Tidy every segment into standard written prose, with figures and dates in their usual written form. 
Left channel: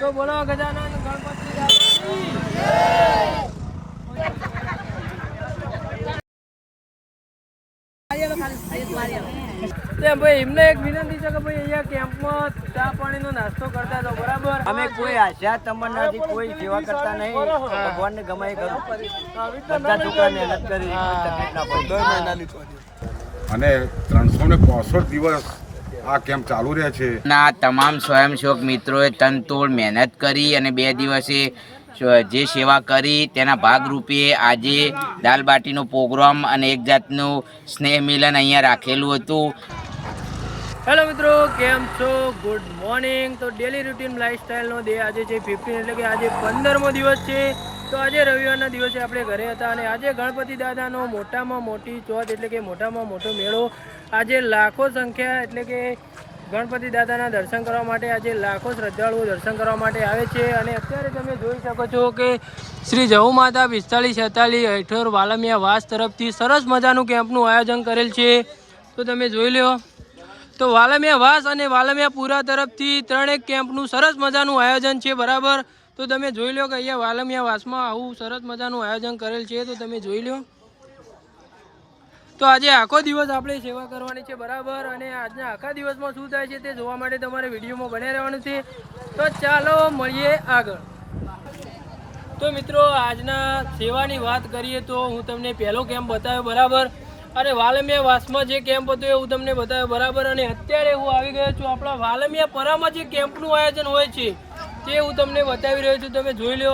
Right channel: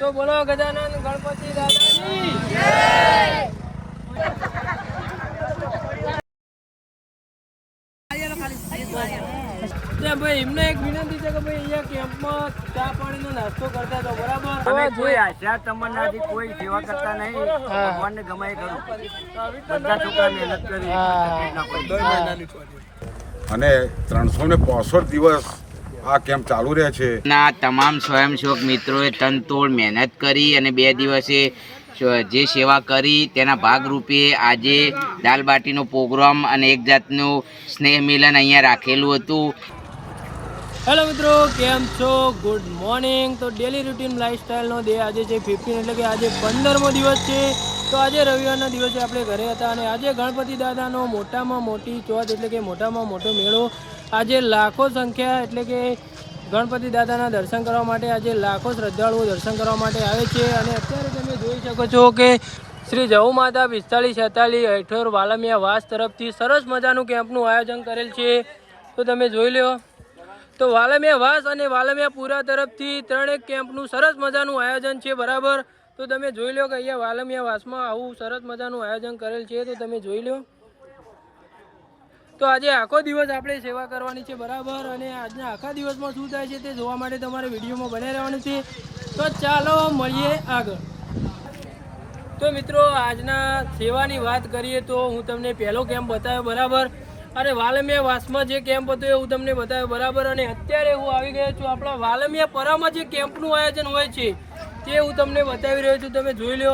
તો બોલો ગજાનન ગણપતિ દાદાની જય। ભાઈ એમને એક વિનંતી છે કે ભાઈ અહીંયા કેમ્પમાં ચા પાણીનો નાસ્તો કરતા તો બરાબર અમે કોઈ આશા તમન્નાથી કોઈ સેવા કરતા નહીં, ભગવાનને ગમાય કરું, બધા છોકરા મહેનત કરી અને 365 દિવસ આ કેમ્પ ચાલુ રહે છે। ના તમામ સ્વયંસેવક મિત્રોએ તનતોડ મહેનત કરી અને 2 દિવસે જે સેવા કરી તેના ભાગરૂપે આજે દાલબાટીનો પ્રોગ્રામ અને એક જાતનું સ્નેહ મિલન અહીંયા રાખેલું હતું। હેલો મિત્રો, કેમ છો? Good morning. તો ડેલી રૂટીન લાઈફસ્ટાઈલનો ડે આજે છે 15, એટલે કે આજે 15મો દિવસ છે। તો આજે રવિવારના દિવસે આપણે ઘરે હતા અને આજે ગણપતિ દાદાનો મોટામાં મોટી ચોથ એટલે કે મોટામાં મોટો મેળો આજે લાખો સંખ્યા એટલે કે ગણપતિ દાદાના દર્શન કરવા માટે આજે લાખો શ્રદ્ધાળુઓ દર્શન કરવા માટે આવે છે। અને અત્યારે તમે જોઈ શકો છો કે શ્રી જહુ માતા 4546 હેઠળ વાલમિયા વાસ તરફથી સરસ મજાનું કેમ્પનું આયોજન કરેલ છે। તો તમે જોઈ લો, તો વાલમિયા વાસ અને વાલમિયા પુરા તરફથી 3 કેમ્પનું સરસ મજાનું આયોજન છે બરાબર। તો તમે જોઈ લો કે અહીંયા વાલમિયા વાસમાં આવું સરસ મજાનું આયોજન કરેલ છે। તો તમે જોઈ લો, તો આજે આખો દિવસ આપણે સેવા કરવાની છે બરાબર। અને આજના આખા દિવસમાં શું થાય છે તે જોવા માટે તમારે વિડીયોમાં બને રહેવાનું છે। તો ચાલો મળીએ આગળ। તો મિત્રો આજના સેવાની વાત કરીએ તો હું તમને પહેલો કેમ્પ બતાવ્યો બરાબર, અને વાલમિયા વાસમાં જે કેમ્પ હતો એ હું તમને બતાવ્યો બરાબર। અને અત્યારે હું આવી ગયો છું આપણા વાલમિયા પરામાં જે કેમ્પનું આયોજન હોય છે તે હું તમને બતાવી રહ્યો છું। તમે જોઈ લો,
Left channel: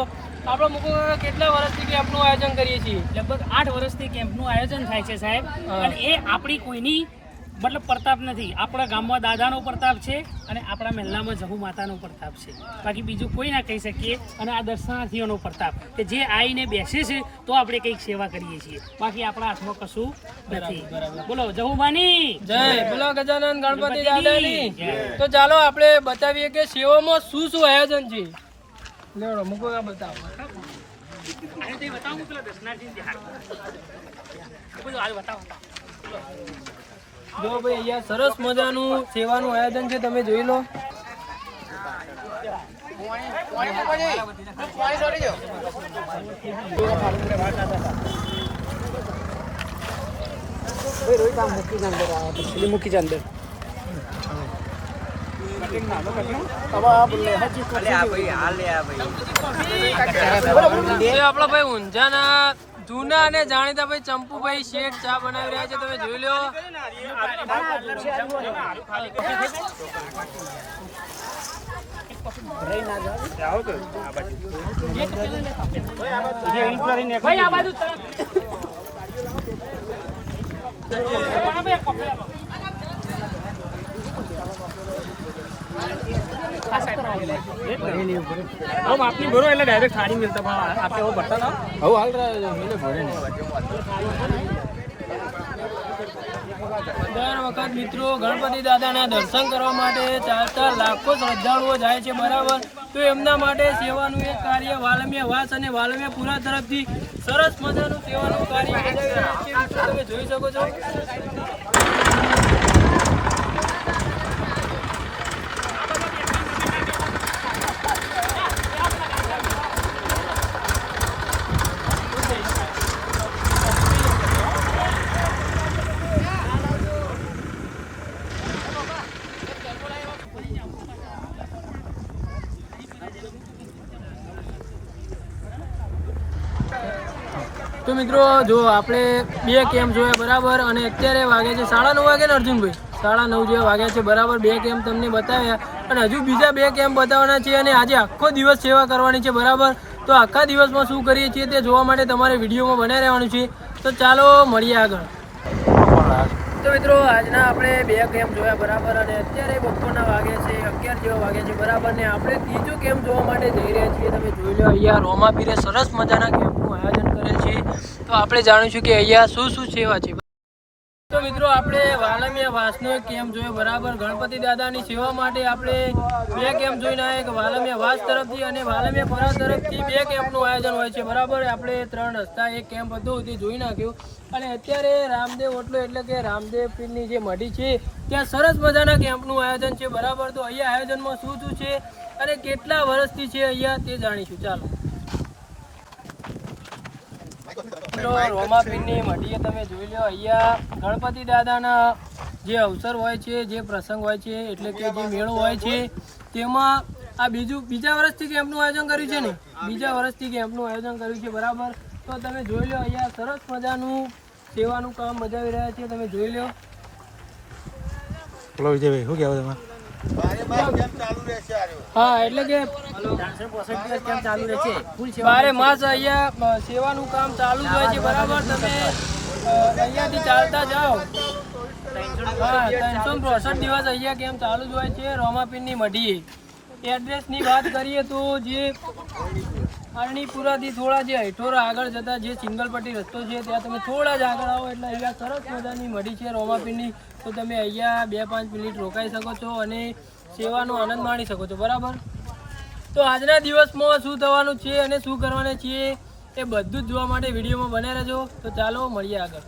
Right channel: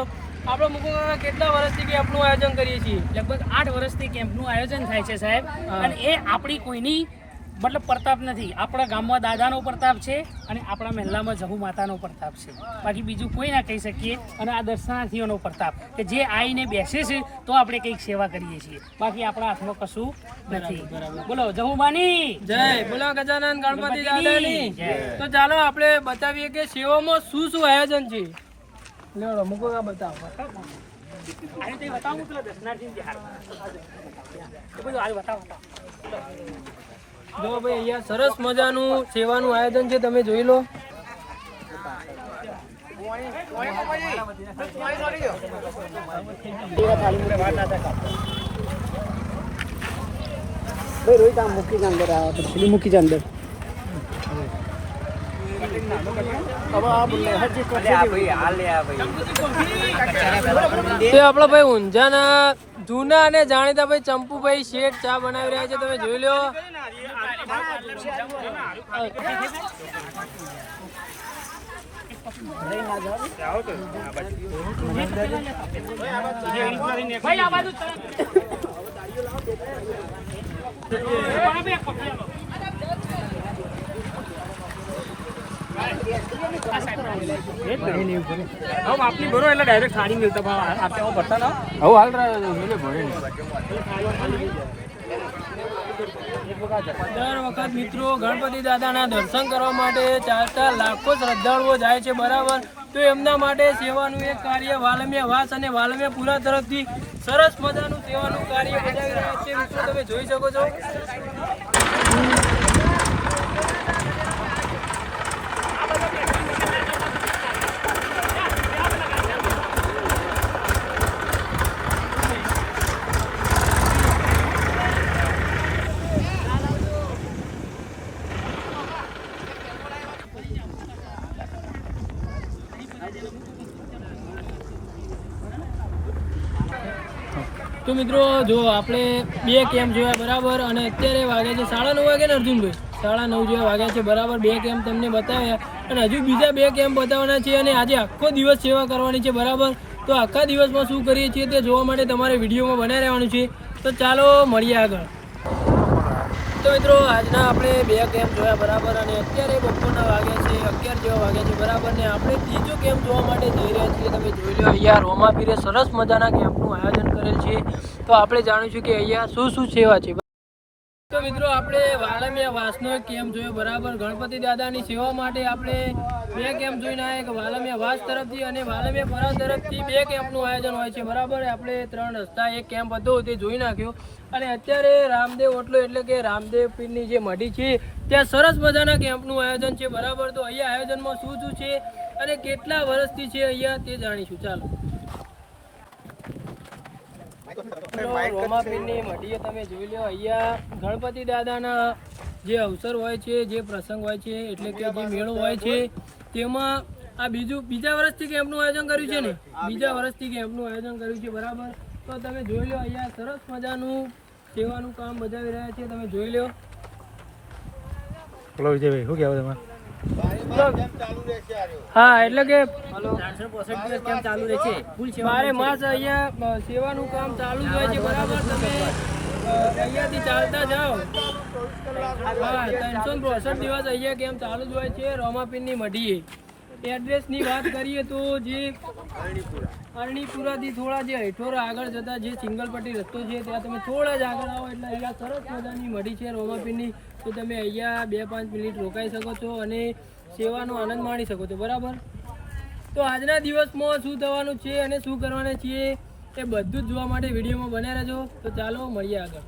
આપણે મુકુંદ કેટલા વર્ષથી કેમ્પનું આયોજન કરીએ છીએ? લગભગ 8 વર્ષથી કેમ્પનું આયોજન થાય છે સાહેબ। અને એ આપણી કોઈની મતલબ પ્રતાપ નથી, આપણા ગામમાં દાદાનો પ્રતાપ છે અને આપણા મહેલામાં જહુ માતાનો પ્રતાપ છે, બાકી બીજું કોઈ ના કહી શકીએ। અને આ દર્શનાર્થીઓનો પ્રતાપ કે જે આવીને બેસે છે તો આપણે કંઈક સેવા કરીએ છીએ, બાકી આપણા હાથમાં કશું નથી। બોલો જહુ માની જય, બોલો ગજાનન ગણપતિ દાદાની। તો ચાલો આપણે બતાવીએ કે સેવામાં શું શું આયોજન છે। મૂકો બતાવો, જો ભાઈ અહીંયા સરસ મજાનું સેવાનું આયોજન છે, તમે જોઈ લો। મૂકી છે અંદર તે આપણા ભાઈ ઊંઝાના જૂના અને જાણીતા ભાઈ ચંપુભાઈ શેઠ ચા બનાવી રહ્યા છે, તમે જોઈ લો। ડાયરેક્ટ થાળી મિલતા હાલ દર વખત મિત્રો ગણપતિ દાદાના દર્શન કરવા માટે ચાલતા લાખો શ્રદ્ધાળુઓ જાય છે બરાબર। તો એમના માટે સેવાનું એક કાર્ય વાલમિયા વાસ અને વાલમિયા પુરા તરફથી સરસ મજાનું સેવાનું કાર્ય બજાવી રહ્યા છે મિત્રો, તમે જોઈ શકો છો। તો મિત્રો જો આપણે 2 કેમ્પ જોયા બરાબર, અને અત્યારે વાગ્યા છે 9:30 વાગે ને અર્જુનભાઈ 9:30 જેવા વાગ્યા છે બરાબર। 2 કેમ્પ તમને બતાવ્યા અને હજુ બીજા 2 કેમ્પ બતાવવાના છે, અને આજે આખો દિવસ સેવા કરવાની છે બરાબર। તો આખા દિવસમાં શું કરીએ છીએ તે જોવા માટે તમારે વિડીયોમાં બનાવી રહેવાનું છે। તો ચાલો મળીએ આગળ। તો મિત્રો આજના આપણે 2 કેમ્પ જોયા બરાબર, અને અત્યારે બપોરના વાગ્યા છે 11 જેવા વાગ્યા છે બરાબર, ને આપણે ત્રીજો કેમ્પ જોવા માટે જઈ રહ્યા છીએ। તમે જોઈ લો, અહીંયા રોમાપીરે સરસ મજાના કેમ્પનું આયોજન કરેલ છે। તો આપણે જાણીશું કે અહીંયા શું શું સેવા છે। તો મિત્રો આપણે વાલમિયા વાસનો એક કેમ્પ જોયો બરાબર, ગણપતિ દાદાની સેવા માટે આપણે 2 કેમ્પ જોઈને આવ્યા, કે વાલમિયા વાસ તરફથી અને વાલમિયા પરા તરફથી 2 કેમ્પનું આયોજન હોય છે બરાબર। આપણે 3 રસ્તા એક કેમ્પ હતો તે જોઈ નાખ્યું, અને અત્યારે રામદેવ ઓટલો એટલે કે રામદેવ પીરની જે મઢી છે ત્યાં સરસ મજાના કેમ્પનું આયોજન છે બરાબર। તો અહીંયા આયોજનમાં શું શું છે અને કેટલા વર્ષથી છે અહીંયા તે જાણીશું. ચાલો રોમાપીરની મઢીએ તમે જોઈ લો, અહીંયા ગણપતિ દાદાના જે અવસર હોય છે, જે પ્રસંગ હોય છે, એટલે કે જે મેળો હોય છે, તેમાં આ બીજા વર્ષથી કેમ્પનું આયોજન કર્યું છે ને, બીજા વર્ષથી કેમ્પનું આયોજન કર્યું છે, બરાબર. તો તમે જોઈ લો, અહીંયા સરસ મજાનું સેવાનું કામ બજાવી રહ્યા છે, તમે જોઈ લો. બોલો વિજયભાઈ, શું કહેવું તમારે? હા, એટલે કે 365 દિવસ કેમ ચાલુ રહે છે, ફૂલ સેવા 12 માસ અહીંયા સેવાનું કામ ચાલુ જ હોય છે, બરાબર. તમે અહીંયાથી ચાલતા જાઓ, હા, 365 દિવસ અહીંયા કેમ ચાલુ જ હોય છે રોમાપીરની મઢીએ. એડ્રેસની વાત કરીએ તો જે અરણીપુરાથી થોડા જે હેઠોરા આગળ જતા જે સિંગલ પટ્ટી રસ્તો છે, ત્યાં તમે થોડા જ આગળ આવો એટલે અહીંયા સરસ મજાની મઢી છે રોમાપીરની. તો તમે અહીંયા 2-5 મિનિટ રોકાઈ શકો છો અને સેવાનો આનંદ માણી શકો છો, બરાબર. તો આજના દિવસમાં શું થવાનું છે અને શું કરવાના છીએ એ બધું જ જોવા માટે વિડીયોમાં બન્યા રહેજો. તો ચાલો મળીએ આગળ.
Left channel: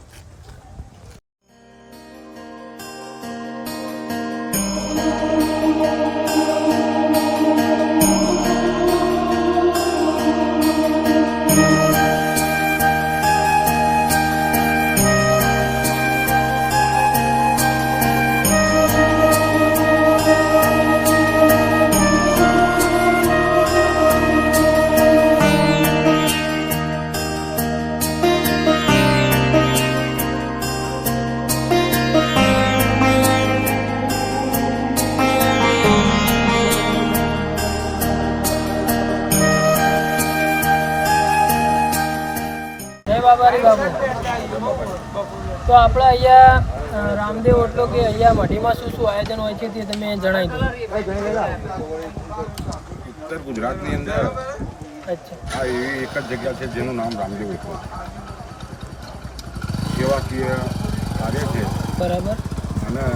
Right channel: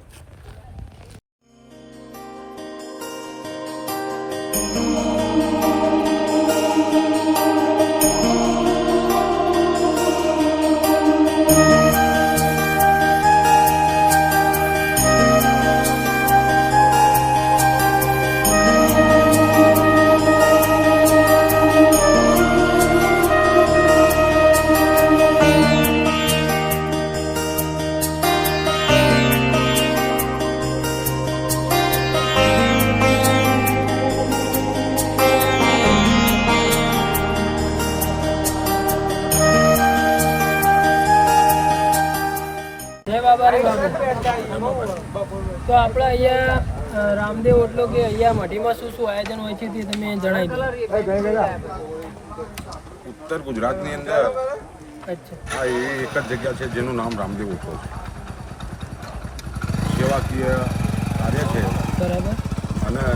બાબારી બાબુ, તો આપણે અહીંયા રામદેવ ઓટલો કે અહીંયા મઢીમાં શું શું આયોજન હોય છે તે તમે જણાવી દો. ઉત્તર ગુજરાતની અંદર અચ્છા, આ એવી એક જ જગ્યા છે જેનું નામ રામદેવ ઓટલો છે. સેવાકીય કાર્ય છે બરાબર. અને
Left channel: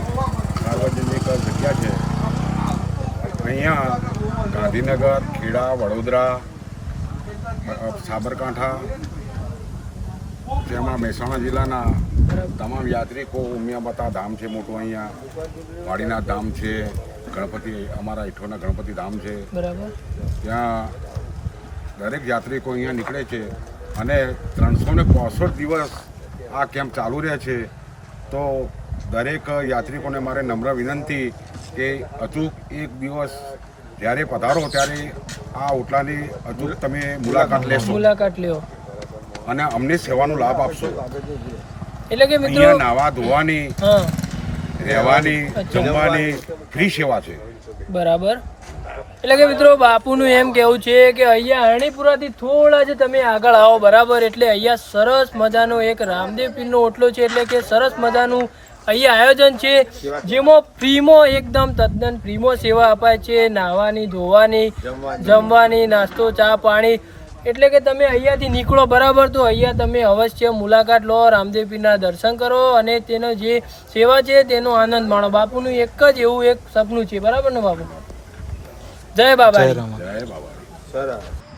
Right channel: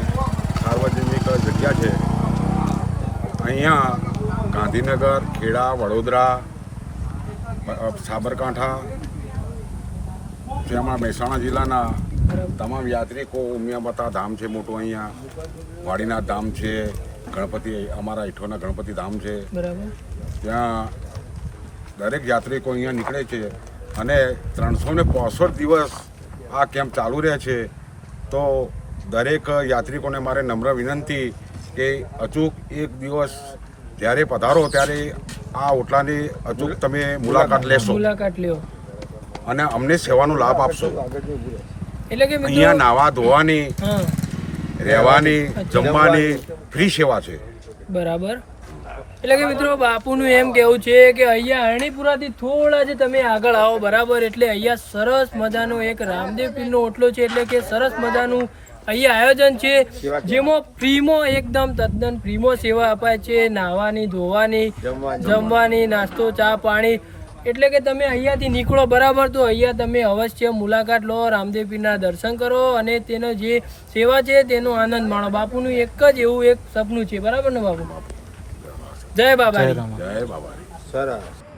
સાર્વજનિક જગ્યા છે. અહીંયા ગાંધીનગર, ખેડા, વડોદરા, સાબરકાંઠા, તેમાં મહેસાણા જિલ્લાના તમામ યાત્રિકો ઉમિયાબતા ધામ છે મોટું, અહીંયા વાડીનાથ ધામ છે, ગણપતિ અમારા ઈઠોના ગણપતિ ધામ છે, બરાબર. ત્યાં દરેક યાત્રિકો અહીંયા નીકળે છે અને 365 દિવસ આ કેમ્પ ચાલુ રહે છે. તો દરેક યાત્રિકોને મારે નમ્ર વિનંતી કે અચૂક એક દિવસ જ્યારે પધારો ત્યારે આ ઓટલાની અચૂક તમે મુલાકાત લેશો મુલાકાત લ્યો અને અમને સેવાનો લાભ આપશો. એટલે કે મિત્રો અહીંયા નાવા ધોવાની, હા, રહેવાની, જમવાની ફ્રી સેવા છે. બરાબર. એટલે કે મિત્રો બાપુનું એમ કહેવું છે કે અહીંયા અરણીપુરાથી થોડા જ તમે આગળ આવો, બરાબર. એટલે અહીંયા સરસ મજાનો એક રામદેવ પીરનો ઓટલો છે, એટલે કે સરસ મજાનું અહીંયા આયોજન છે, જેમાં ફ્રીમાં એકદમ તદ્દન ફ્રીમાં સેવા અપાય છે, નાહવાની, ધોવાની, જમવાની, નાસ્તો, ચા, પાણી. એટલે કે તમે અહીંયાથી નીકળો, બરાબર, તો અહીંયા તમે અવશ્ય મુલાકાત લો, રામદેવ પીરના દર્શન કરો અને તેનો જે સેવા છે તેનો આનંદ માણો. બાપુનું એક જ એવું એક સપનું છે, બરાબર ને બાપુ? જય બાબા, જય બાબારી.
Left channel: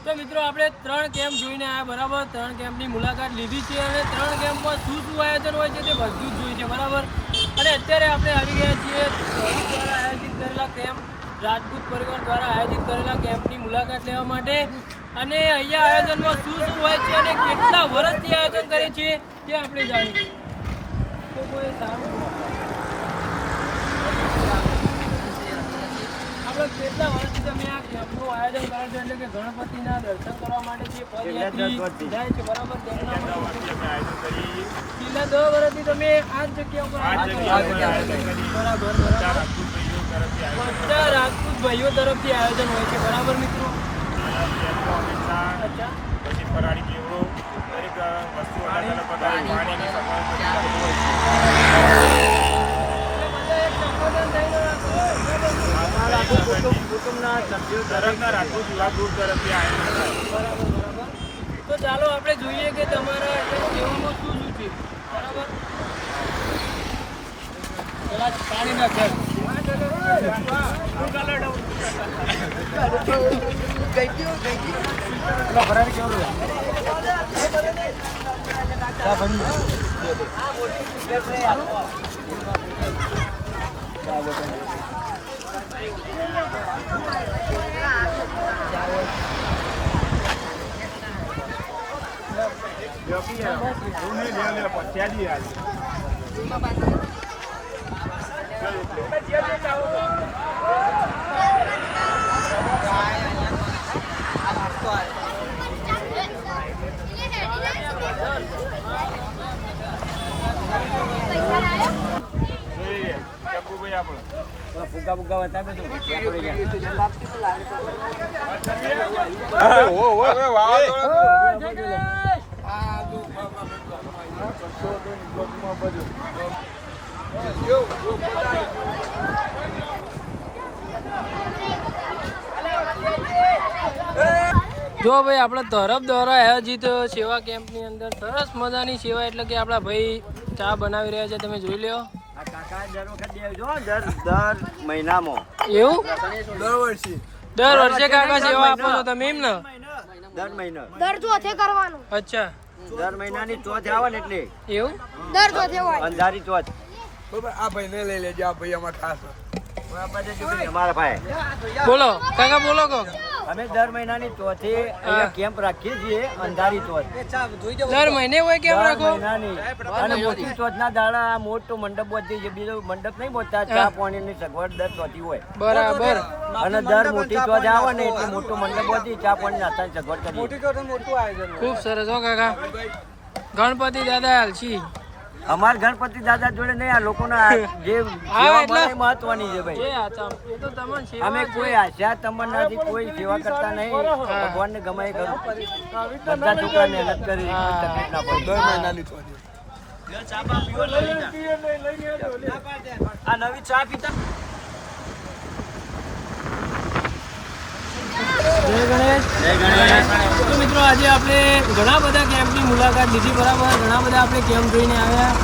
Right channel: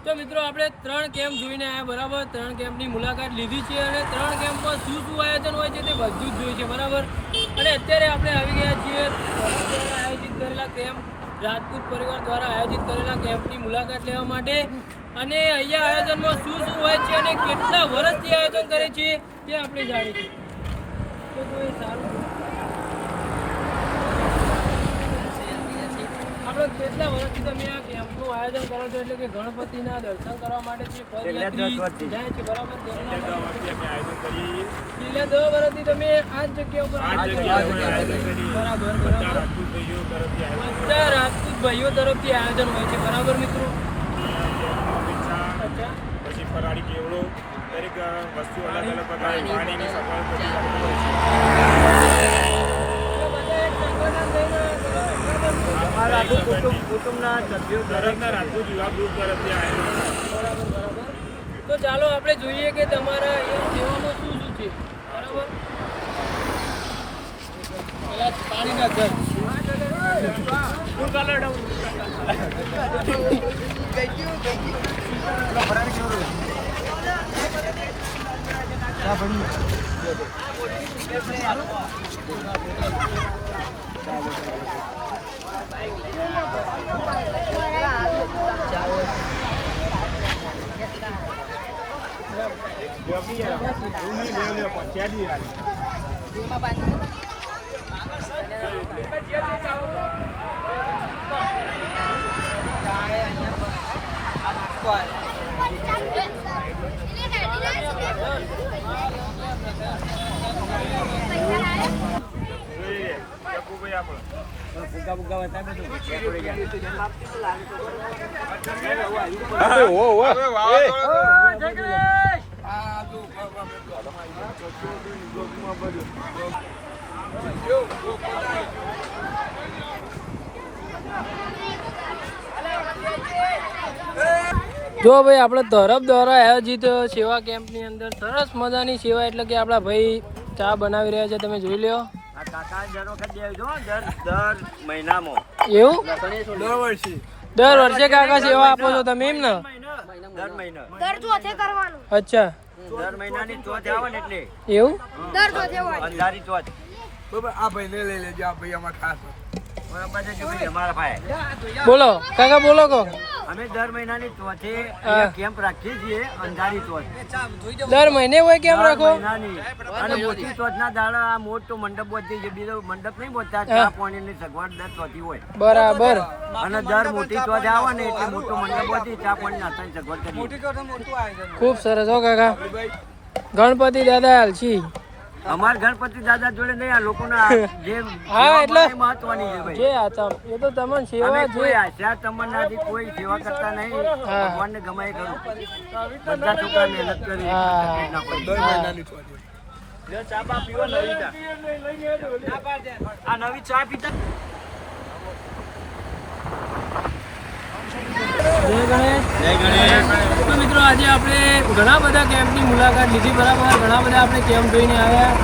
તો મિત્રો આપણે 3 કેમ્પ જોઈને આવ્યા, બરાબર. 3 કેમ્પની મુલાકાત લીધી છે અને 3 કેમ્પમાં શું શું આયોજન હોય છે તે બધું જ જોયું છે, બરાબર. અને અત્યારે આપણે આવી ગયા છીએ ધરમ દ્વારા આયોજિત કરેલા કેમ્પ, રાજપૂત પરિવાર દ્વારા આયોજિત કરેલા કેમ્પની મુલાકાત લેવા માટે. અને અહીંયા આયોજનમાં શું શું હોય છે અને કેટલા વર્ષથી આયોજન કરે છે તે આપણે જાણીશું. તો કોઈ સારું આપણે કેટલા વર્ષથી તમે આ કેમ્પનું આયોજન કરો છો, એટલે કે ગણપતિના દર્શન કરવા માટે જે પદયાત્રી જાય છે, બરાબર. છેલ્લા 10 વર્ષથી તમે આ જ જગ્યા ઉપર બરાબર, બધા રાજપૂત ભાઈઓ તરફથી આયોજન હોય છે, બરાબર મિત્રો. અચ્છા, પછી ફરાળી કેવડો, દરેક વસ્તુ અલગ અલગ પ્રકારની પાણીની સફાઈ કુટુંબના સભ્યો દરેકના રાજપૂત વિભાગ ગ્રુપ તરફથી આયોજન થાય. બરાબર, બરાબર. તો ચાલો આપણે જોઈએ કે તમારા અહીંયા સેવામાં શું શું છે, બરાબર. પેલા પાણીના ઘર ફુગ્ગા બુગ્ગા બતાવે તો જો ભાઈ આપણે તરફ દ્વારા આયોજિત સેવા કેમ્પની અંદર સરસ મજાની સેવા એટલે કે આપણા ભાઈ ચા બનાવી રહ્યા છે, તમે જોઈ લો. આ કાકા દર વખત દે જો દર મહિનામાં એવું દર વર્ષે કાકા સેવા આપો છો તમે એમ ને? દર મહિના અચ્છા દર મહિનાની ચોથ આવે ને એટલે એવું અંધારી ચોથ અમારા ભાઈ બોલો કાકા બોલો કો. અમે દર મહિનાની ચોથે અહીંયા કેમ્પ રાખીએ છીએ અંધારી ચોથ દર મહિને હોય કેમ રાખો? મહિનાની અને મોટી ચોથના દાડા મોટો મંડપ બધી જે બીજો મંડપ નહીં બોલતા ચા પાણીની સગવડ દર ચોથી હોય બરાબર. અને દર મોટી ચોથ આવે ને એટલે મોટો મંડપ બધી ચા પાણી નાસ્તાની સગવડ કરીએ. ખૂબ સરસ હો કાકા. ગણપતિ દાદા હાલશી અમાર ગણપતિ દાદા જોડે નહીં, આ લોકોના જે હા, એટલે મહત્વની છે ભાઈ. જે આતા એ તો તમને સેવા અમે જ કોઈ આશા તમન્નાથી કોઈ સેવા કરતા નહીં. ભગવાનને ગમે એ કરું. બધા છોકરા મહેનત કરી તકલીફ ના પડી. આ નવી ચા પીતા જય ગણેશ. તો મિત્રો આજે આપણે ઘણા બધા કેમ્પની મુલાકાત લીધી, બરાબર. ઘણા બધા આપણે કેમ્પ જોઈને આવ્યા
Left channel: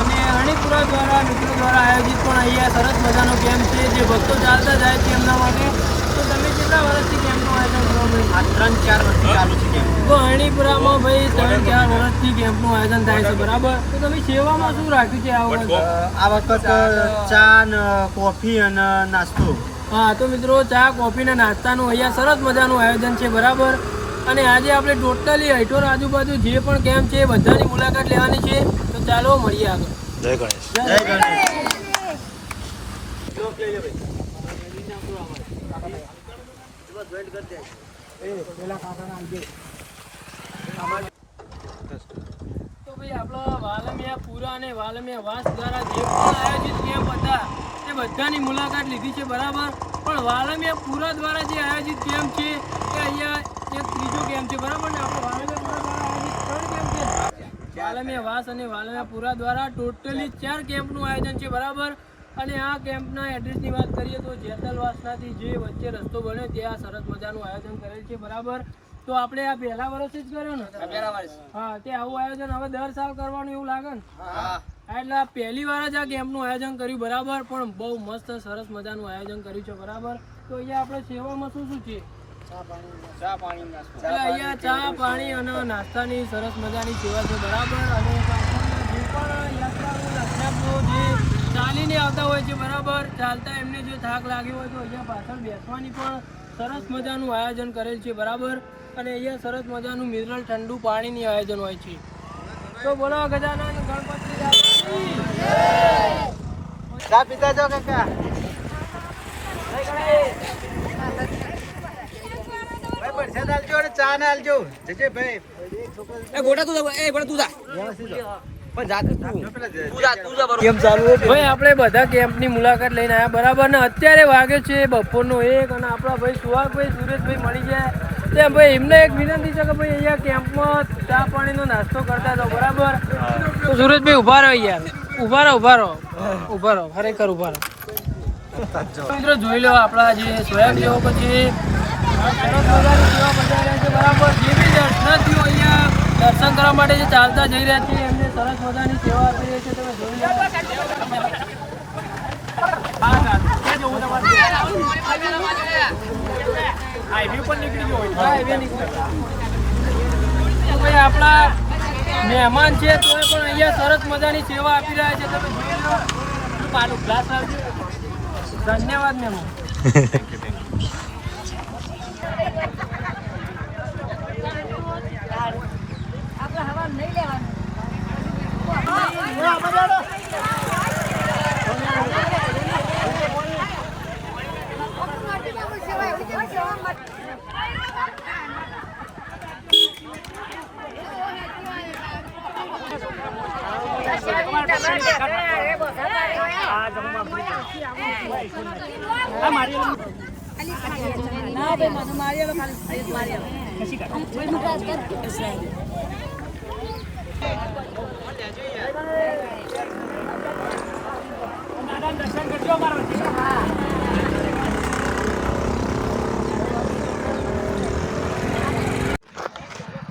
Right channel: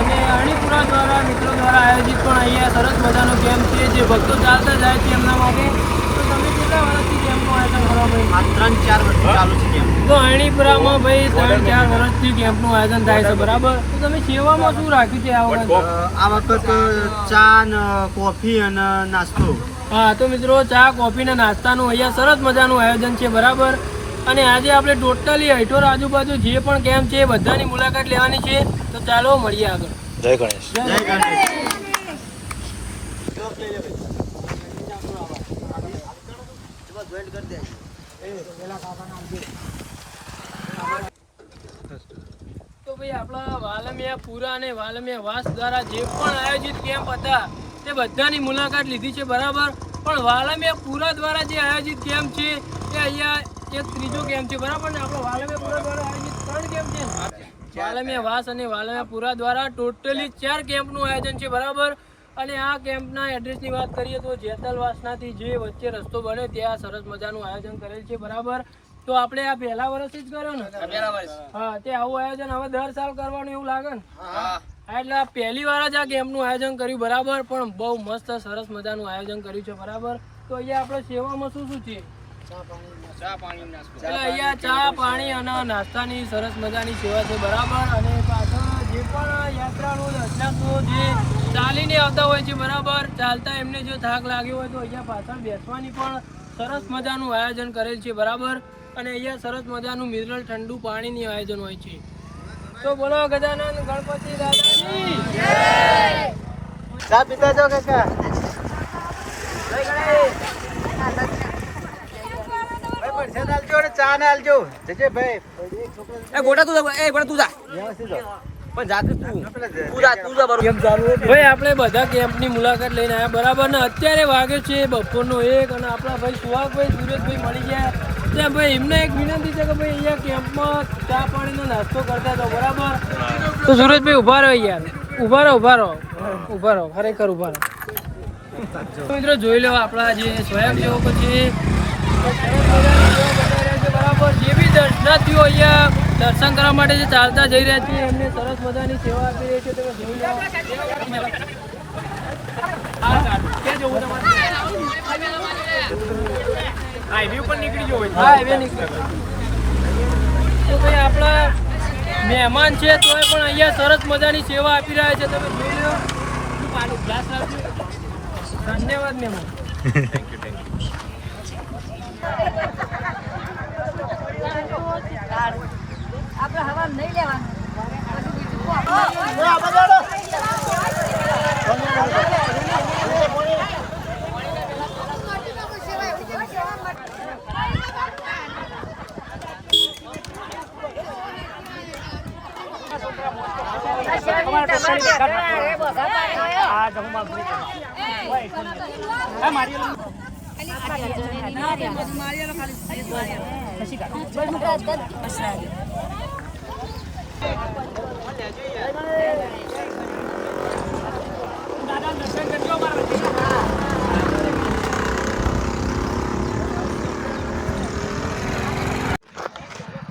અને અણીપુરા દ્વારા મિત્રો દ્વારા આયોજિત પણ અહીંયા સરસ મજાનો કેમ્પ છે જે ભક્તો ચાલતા જાય છે એમના માટે. તો તમે કેટલા વર્ષથી કેમ્પનું આયોજન કરવા ભાઈ? 3-4 વર્ષથી ચાલુ છે કેમ્પ. તો અણીપુરામાં ભાઈ 3-4 વર્ષથી કેમ્પનું આયોજન થાય છે, બરાબર. તો તમે સેવામાં શું રાખ્યું છે આ વખત? આ વખત ચા ને કોફી અને નાસ્તો. હા, તો મિત્રો ચા કોફી ને નાસ્તાનું અહીંયા સરસ મજાનું આયોજન છે, બરાબર. અને આજે આપણે ટોટલી હૈઠોર આજુબાજુ જે પણ કેમ્પ છે એ બધાની મુલાકાત લેવાની છે. તો ચાલો મળીએ આગળ. જય ગણેશ. જય ગણેશ. તો ભાઈ આપણા વાલમિયા પુરા અને વાલમિયા વાસ દ્વારા જે પણ આયોજિત કેમ્પ હતા તે બધાની મુલાકાત લીધી છે, બરાબર. પણ વાલમિયા પુરા દ્વારા જે આયોજિત કેમ્પ છે એ અહીંયા એક ત્રીજો કેમ્પ છે, બરાબર ને? આપણે વાલમિયા પુરા દ્વારા આયોજિત 3 કેમ્પ છે ને? વાલમિયા વાસ અને વાલમિયા પુરા દ્વારા ટોટલી 4 કેમ્પનું આયોજન છે, બરાબર. અને આ કેમ્પના એડ્રેસની વાત કરીએ તો જેતલવાસનાથી જે વચ્ચે રસ્તો બને ત્યાં સરસ મજાનું આયોજન કરેલ છે, બરાબર. તો આપણે આ પહેલા વર્ષ જ કર્યો ને? હા, તે આવું આયોજન હવે દર સાલ કરવાનું એવું લાગે ને? એટલે પહેલી વાર જ આ કેમ્પનું આયોજન કર્યું, બરાબર. પણ બહુ મસ્ત સરસ મજાનું આયોજન કર્યું છે, બરાબર. તો અહીંયા આપણે સેવામાં શું શું છે? એટલે અહીંયા ચા પાણી અને નાસ્તાની સરસ મજાની સેવા છે, બરાબર. અને પાછળ જે પણ યાત્રાળુ દર્શનાર્થીઓ જે ચાલીને આવતા હોય છે, બરાબર, ચાલતા એમને જો થાક લાગ્યો હોય તો અહીંયા પાછળ બેસવાની પણ સરસ મજાનું આયોજન કરેલ છે, બરાબર. અને અહીંયા સરસ મજાનું મિનરલ ઠંડુ પાણીની આયોજન હોય છે. તો બોલો ગજાનન ગણપતિ દાદાની જય. ચા પીતા જો કાકા. ચા ના આલજો. જજે ભાઈ. ભાઈ આપણે બધા કેમ્પની મુલાકાત લઈને આવ્યા, બરાબર. ને અત્યારે વાગે છે બપોરનો 1 અને આપણા ભાઈ સુહાગભાઈ સુરેશભાઈ મળી ગયા. ત્યાં ભાઈ એમને એક વિનંતી છે કે ભાઈ અહીંયા કેમ્પમાં ચા પાણીનો નાસ્તો કરતા હતા, બરાબર. તો સુરેશભાઈ ઉભા રહો યાર, ઉભા રહો ખરેખર ઉભા રહો. મિત્રો જોઈ લો આપણા જે સ્વયંસેવકો છે સરસ મજાની સેવા બતાવી રહ્યા છે, બરાબર. જે બી દર્શનાર્થીઓ અહીંયા દર્શન કરવા માટે જે ચાલતા જઈ રહ્યા છે એમને સરસ મજાની સેવા આપી રહી છે, તમે જોઈ લો. હાઈવે ઉપર નીકળી ગયો હોય. હા, હાઈવે નીકળી. તો ભાઈ આપણા મહેમાન છે તોય પણ અહીંયા સરસ મજાની સેવા આપી રહ્યા છે, તમે જોઈ લો. પાલું ગ્લાસ આપજો. ધન્યવાદ મહેમાન. દર્શન કરજો અમારા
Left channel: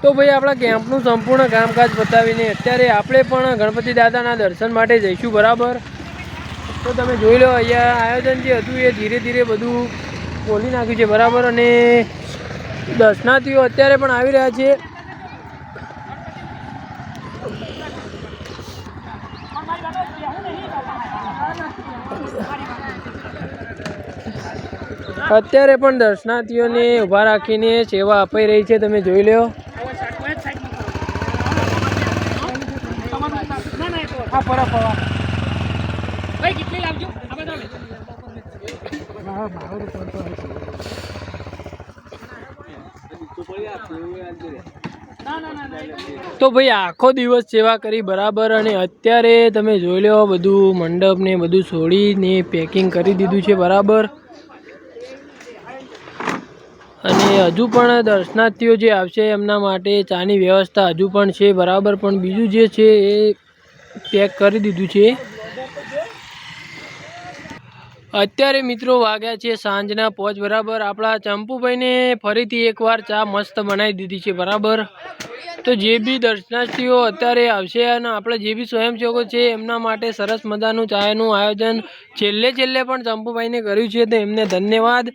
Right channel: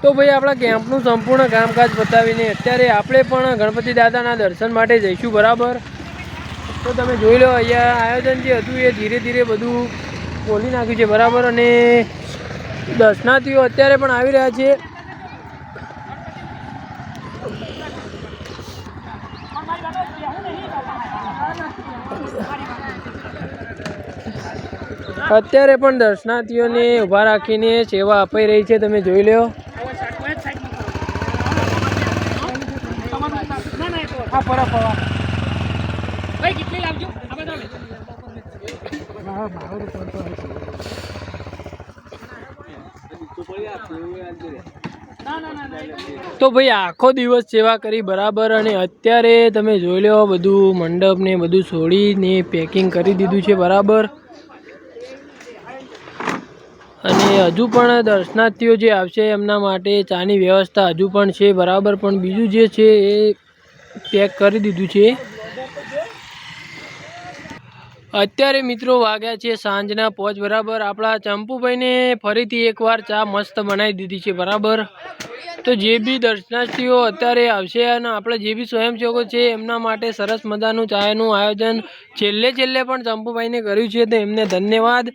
તો ભાઈ આપણા કેમ્પનું સંપૂર્ણ કામકાજ પતાવીને અત્યારે આપણે પણ ગણપતિ દાદાના દર્શન માટે જઈશું બરાબર. તો તમે જોઈ લો અહીંયા આયોજન જે હતું એ ધીરે ધીરે બધું ખોલી નાખ્યું છે બરાબર. અને દર્શનાર્થીઓ અત્યારે પણ આવી રહ્યા છે. અત્યારે પણ દર્શનાર્થીઓને ઊભા રાખીને સેવા અપાઈ રહી છે, તમે જોઈ લો. તો ભાઈ આખો દિવસ સેવા કરી બરાબર. અને અત્યારે તમે જોઈ લો બધું મંડપ ને બધું છોડીને પેકિંગ કરી દીધું છે બરાબર. અને હજુ પણ દર્શનાર્થીઓ જે આવશે એમના માટે ચાની વ્યવસ્થા હજુ પણ છે બરાબર. પણ બીજું જે છે એ પેક કરી દીધું છે. અત્યારે મિત્રો વાગ્યા છે સાંજના 5 બરાબર. આપણા ચંપુભાઈને ફરીથી એકવાર ચા મસ્ત બનાવી દીધી છે બરાબર. તો જે બી દર્શનાર્થીઓ અત્યારે આવશે અને આપણે જે બી સ્વયંસેવકો છે એમના માટે સરસ મજાનું ચાનું આયોજન છેલ્લે પણ ચંપુભાઈને કર્યું છે, તો એમને ધન્યવાદ.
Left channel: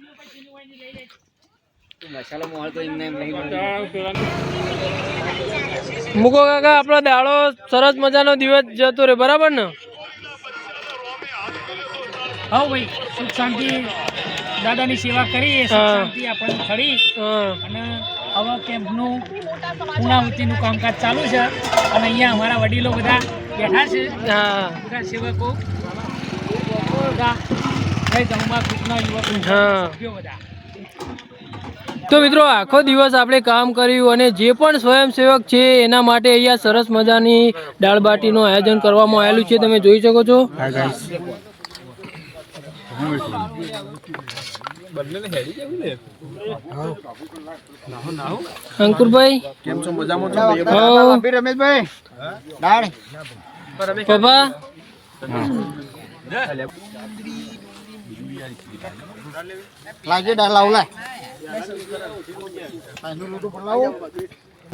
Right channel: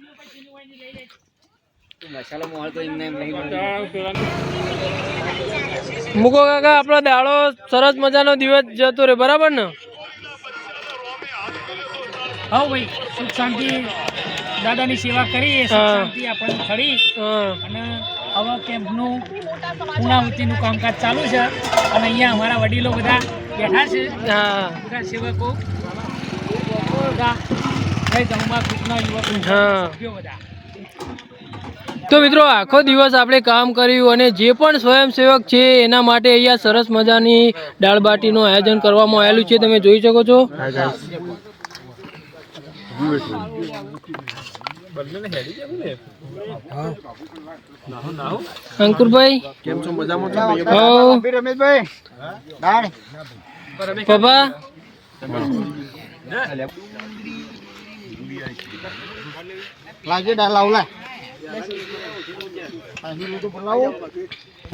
મૂકો કાકા, આપણો દાડો સરસ મજાનો દિવસ જતો રહે બરાબર ને. હા ભાઈ, સુખ શાંતિ દાદાની સેવા કરી, સુખ શાંતિ આપણને ખરી. અને હવે કેમ્પનું પૂર્ણાહુતિનું કામકાજ ચાલુ છે. અને અહીંયા અમારા વડીલો બધા બેઠા છે, બધા સેવકો બધા. તો મિત્રો આખો દિવસ આપણે કામ કર્યું અને જે પણ સ્વયંસેવક છે એના માટે અહીંયા સરસ મજાની દાળ બાટીનું આયોજન કરવામાં આવેલું છે, તમે જોઈ શકો છો. અંકુરભાઈ કેમ છો? મજામાં છો? રમેશભાઈ પપ્પા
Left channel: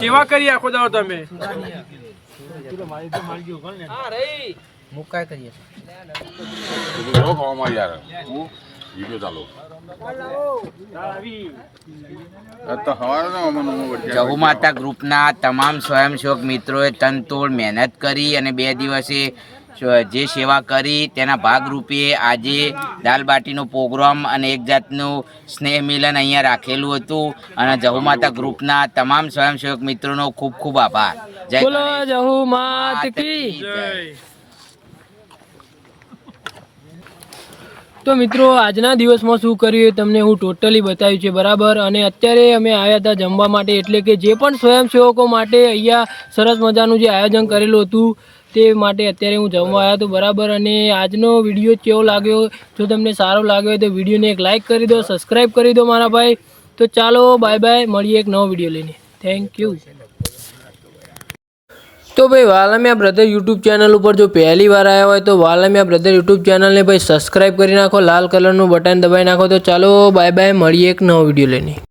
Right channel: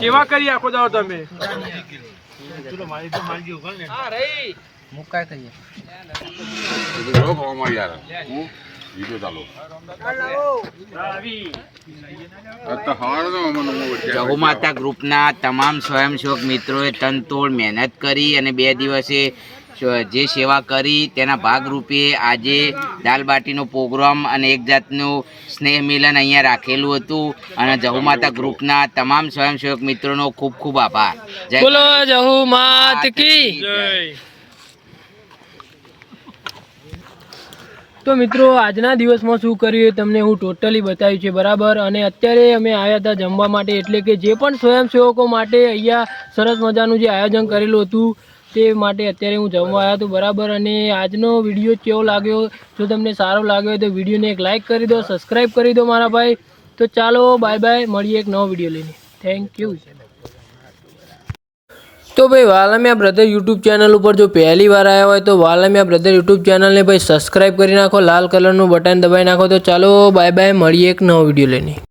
કેવા કરી આખો દાવ તમે? જહુમાતા ગ્રુપના તમામ સ્વયંસેવક મિત્રોએ તનતોડ મહેનત કરી અને 2 દિવસે જે સેવા કરી તેના ભાગરૂપે આજે દાલબાટીનો પ્રોગ્રામ અને એક જાતનું સ્નેહ મિલન અહીંયા રાખેલું હતું. અને જહુમાતા ગ્રુપના તમામ સ્વયંસેવક મિત્રોનો ખૂબ ખૂબ આભાર. બોલો જહુમાત કી જય. તો મિત્રો આજના દિવસમાં શું કર્યું એ તમને હું ટોટલી બતાવ્યું છે બરાબર. અને અત્યારે અમે આવ્યા હતા જમવા માટે, એટલે કે જે પણ સ્વયંસેવકો માટે અહીંયા સરસ મજાનું જે આયોજન કરેલું હતું તે માટે અત્યારે હું જમવા આવ્યો હતો બરાબર. અને આજનો વિડીયો કેવો લાગ્યો? જો તમને સારો લાગ્યો હોય તો વિડીયોને એક લાઇક કરી દો, સબસ્ક્રાઈબ કરી દો મારા ભાઈ. તો ચાલો બાય બાય, મળીએ એક નવો વિડીયો લઈને. Thank you. તો ભાઈ વાલમિયા બ્રધર યુટ્યુબ ચેનલ ઉપર જો પહેલી વાર આવ્યા હોય તો વાલમિયા બ્રધર યુટ્યુબ ચેનલને ભાઈ સબસ્ક્રાઈબ કરી નાખો, લાલ કલરનું બટન દબાવી નાખો. તો ચાલો બાય બાય, મળીએ એક નવો વિડીયો લઈને.